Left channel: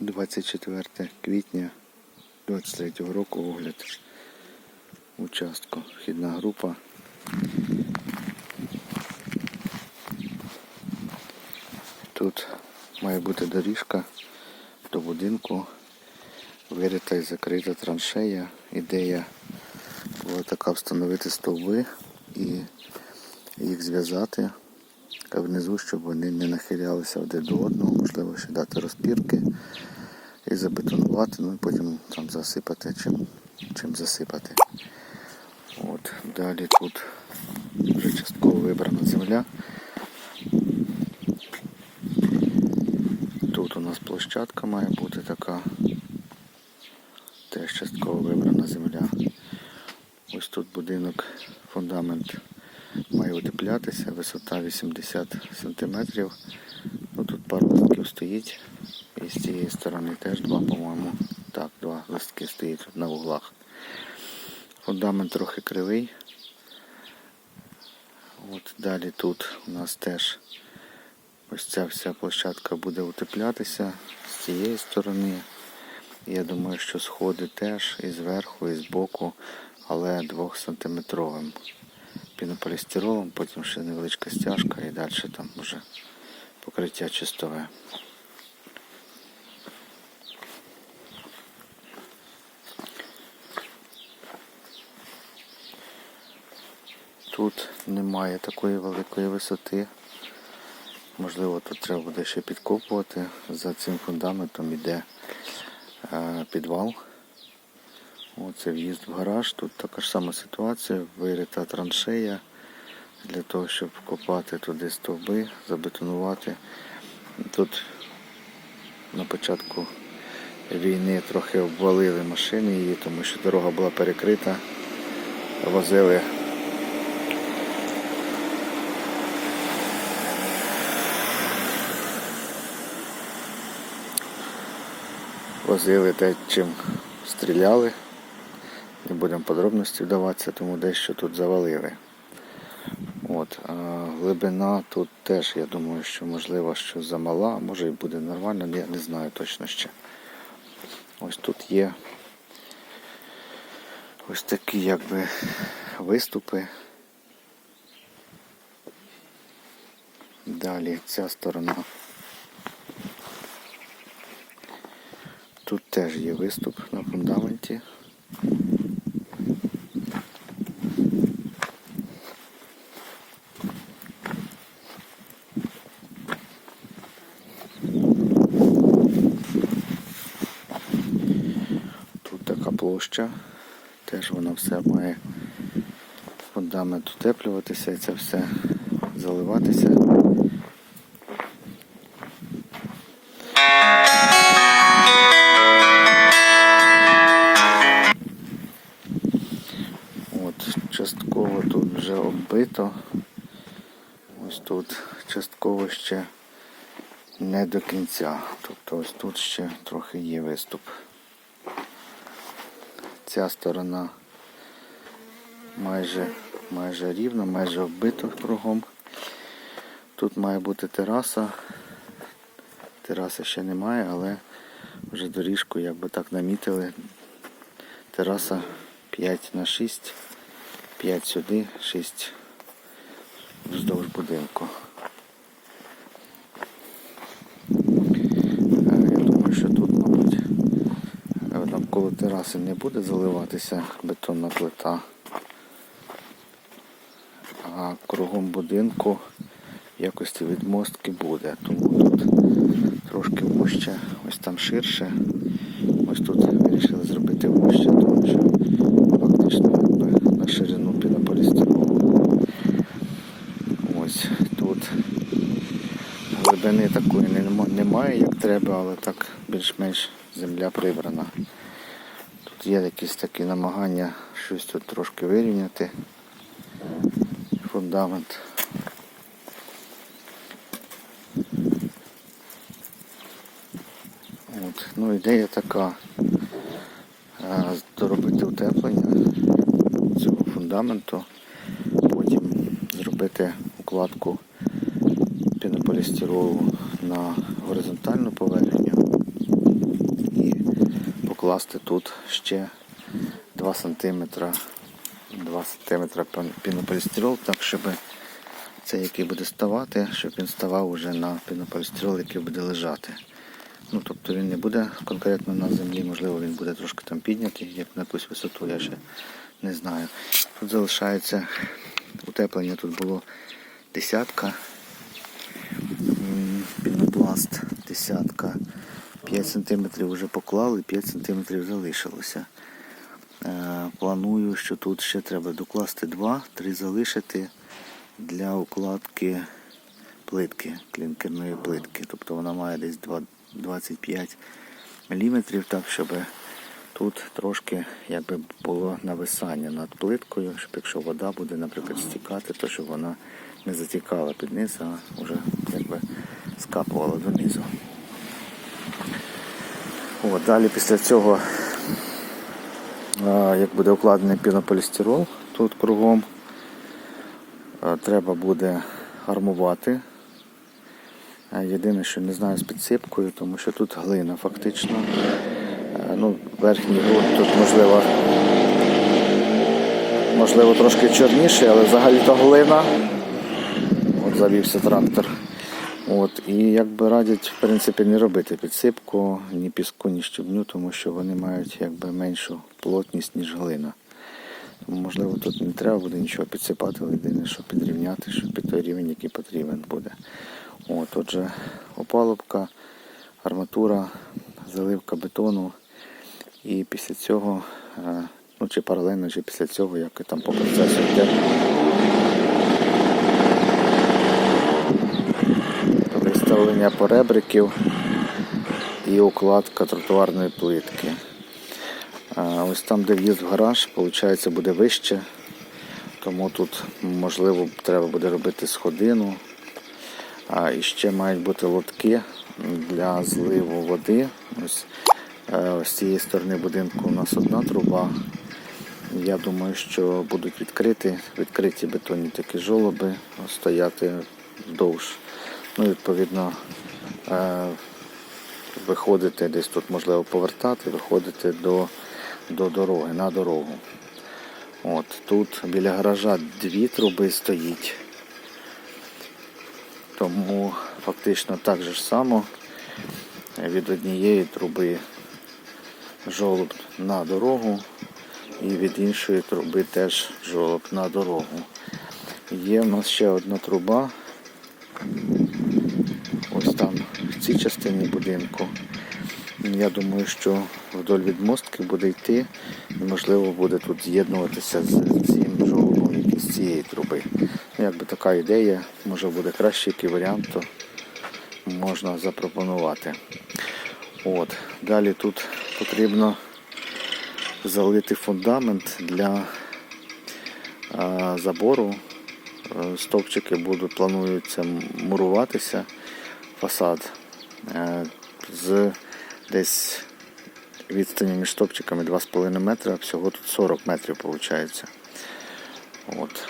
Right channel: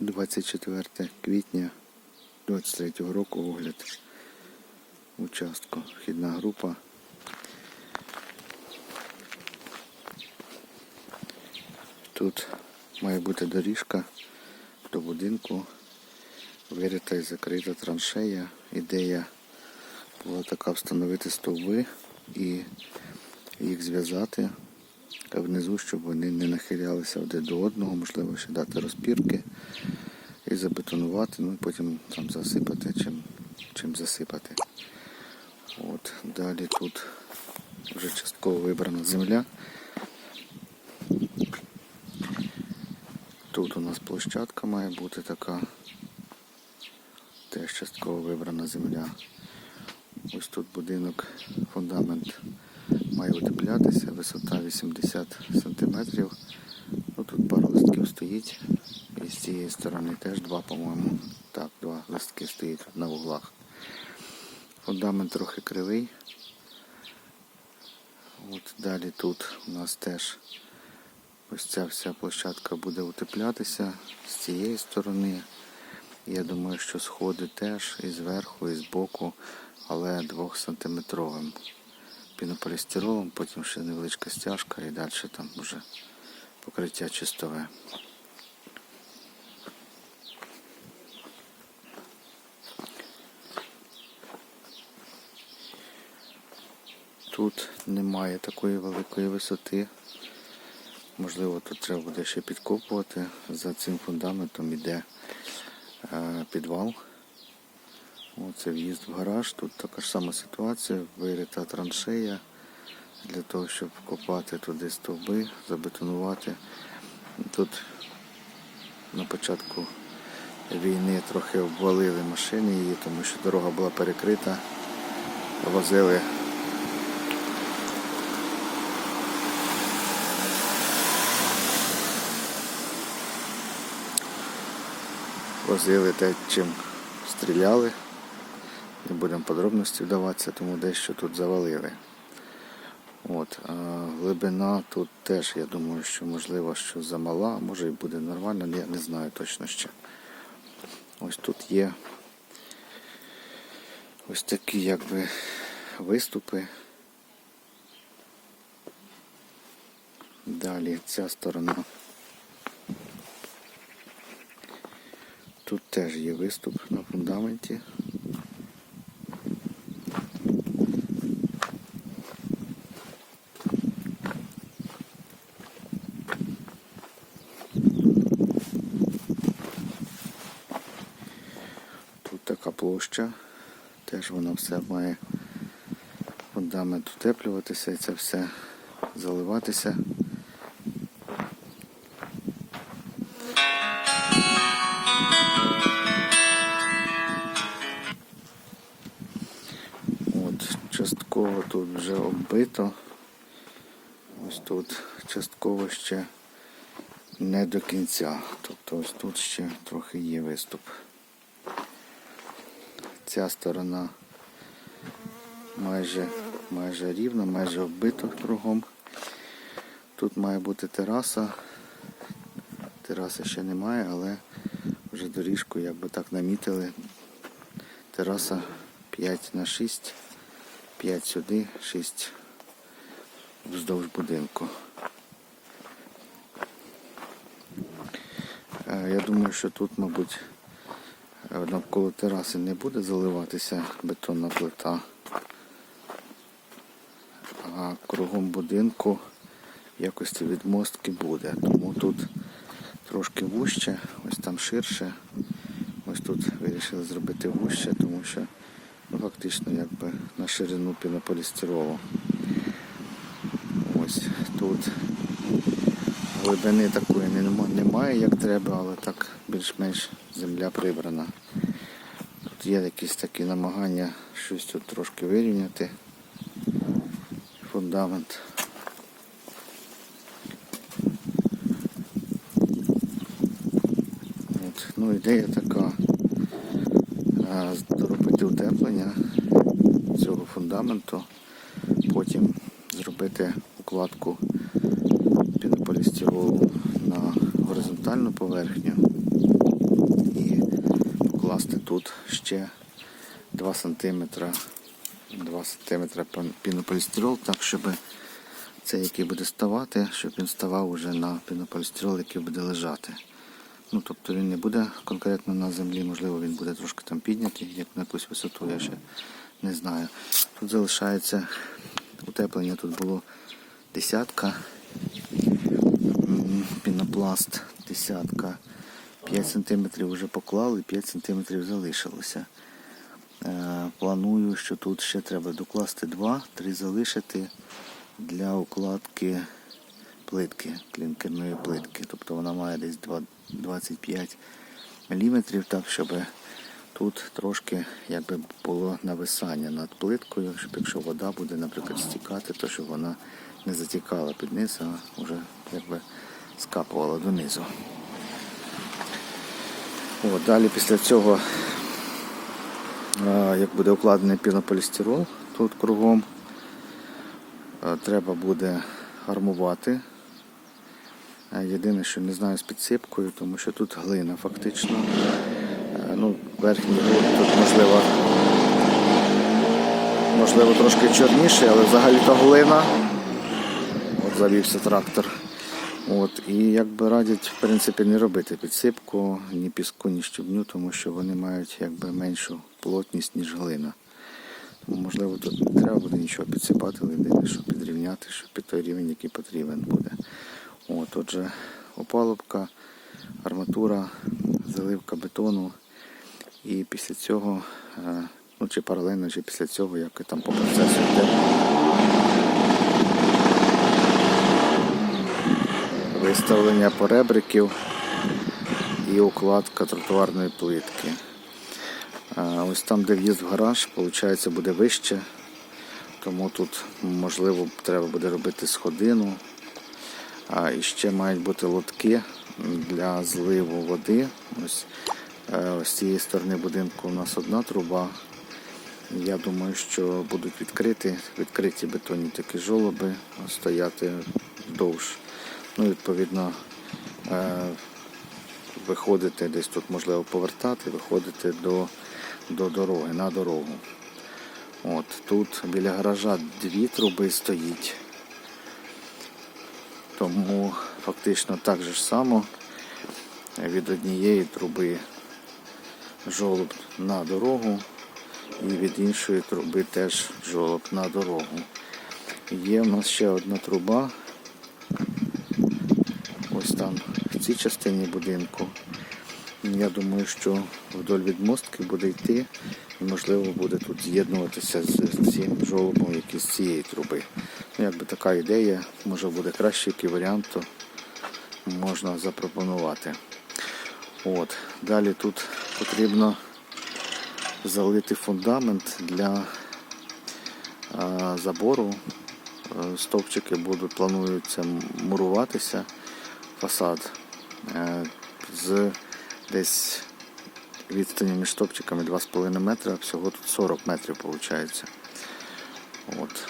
24 квітня 23 року огляд участку. Вхідна група. Тут має бути доріжка до будинку, вирита і закрита траншея. Ідея була така встановити стовби і їх зв'язати внизу, щоб вони не нахилялися один до одного, можливо, ще дати розпірки і забетонувати, ну і потім там засипати, чим, чим засипати. От, далі тут вже частково вибрана земля. Тут у нас площадка має бути така. Теж частково вибрана земля. Ось тут будинок, фундамент має утеплятися, висота 80 см. Ну, тут пару листків стоїть. І з цієї сторони теж два, по-моєму. Так, два листки стоїть на углах. Фундамент трохи кривий. От далі тут у нас теж ось ця вся площадка буде утеплятися з цієї сторони. Я думаю, що сходи теж і зверху, і збоку, але 2 сантиметровим пінополістиролом, потім ще невеличка стяжка і далі там вже покриття чистове. Тут немає такої великої висоти. Можливо, тут треба буде ще підкопувати. За цим фундаментом йде е, підвал. Оце в'їзд в гараж. Тут така ж сама ситуація, вирита траншея для того, щоб вкопати туди стовби, забетонувати. Тут на початку війни трохи обвалили машини її, тому що дорога була перекрита. Возили возили те, чим стріляли. Будемо подробності вдаватися, тому дещо тут завалили. От, а глибина тут теж, я думаю, що можливо, що замала, може і буде нормально, я не знаю точно ще. Ось тут є ось такі якби виступи. Далі ця сторона. Тут теж є виступ на фундаменті. Тут така площа, теж вона все має фундамент утеплюватися і це все заливатися. От, частково тут вже оббито. Ось тут частково ще не до кінця. Тобто ось тут ще трохи є виступ. Ця сторона майже, майже рівна, майже оббито кругом. Тут має бути тераса. Тераси ще немає, але вже доріжку якби так намітили. Тераса 5 на 6, 5 сюди, 6 вздовж будинку. Е, Я думаю, що тут, мабуть, е, навколо тераси не буде заливатися бетонна плита, а кругом будинку в якості відмостки буде. Тому тут трошки вужче, ось там ширше. Ось тут вирішили зробити вужче, тому що фактично якби на ширину пінополістиролу. Ось тут глибини такої немає, як треба, але так більш-менш земля прибрана. Є якісь такі намагання щось тут трошки вирівняти. Фундамент. От. Ну, ідея така доробити утеплення цього фундаменту, потім зробити укладку пінополістиролу на горизонтальну поверхню і покласти тут ще 2 см 2 см пінополістирол, так щоб цей, який буде ставати, щоб він ставав уже на пінополістирол, який буде лежати. Ну, тобто він не буде конкретно на землі, можливо, він буде трошки там піднятий, як на якусь висоту, я ще не знаю. Тут залишається утеплення, тут було десятка, пінопласт десятка. 5 см вже поклали, 5 см залишилося. Е, Планую, що тут ще треба докласти 2, 3 залишити для укладки плитки, клінкерної плитки. Тобто вона має десь 2 25 мм, так, щоб тут трошки якби було нависання над плиткою, щоб якщо вода буде, наприклад, стікати, то щоб вона не затікала під низ, а вже якби скапувала донизу. От, далі після цього, як буде укладений пінополістирол тут кругом, треба буде армувати. Єдине, що не знаю з підсипкою, тому що тут глина фактично. Ну, верхній ґрунт тут можливо, можливо трошки чорніший, але взагалі то глина. От завівся трактор. От, і якби радять, в принципі, не робити підсипку, ні піску, ні щебню, тому що вони мають якби меншу плотність, ніж глина. Тому, можливо, тут не треба буде нічого підсипати, єдине, що підрівняти, щоб під той рівень, який потрібен буде. От, отже, опалубка, арматура, заливка бетону. І після цього, е, ну чи паралельно, чи після цього, як там по процесу йде. Виставлення поребриків і укладка тротуарної плитки. Ось там, де в'їзд в гараж, виходить, буде вище. Тому тут, можливо, треба буде робити сходину. А і ще мають бути лотки для зливу води. Ось, е, з цієї сторони будинку у нас одна труба. Я думаю, що будуть відкриті, відкриті бетонні такі жолоби стояти вздовж. Ну, відповідно, е, виходити десь тут, можливо, повертати, виходити до, до дороги, на дорогу. От, тут біля гаража дві труби стоїть. Тому фактично так же ж само від однієї труби жолоб на дорогу і від іншої труби теж жолоб на дорогу. Є в нас ще одна труба. Ось там в цій частині будинку. Я думаю, що вдоль від мостки буде йти і можливо буде тут з'єднуватися з цим жолобом, який з цієї труби. Ну, якби така ідея, може буде кращий який варіант, то можна запропонувати. От. Далі тут потрібно залити фундамент для забору. Е, Стовпчики будуть, плануються муруватися фасад е, з десь відстані між топчиками 2,5 метра, всього тут 40 метрів виходить. От.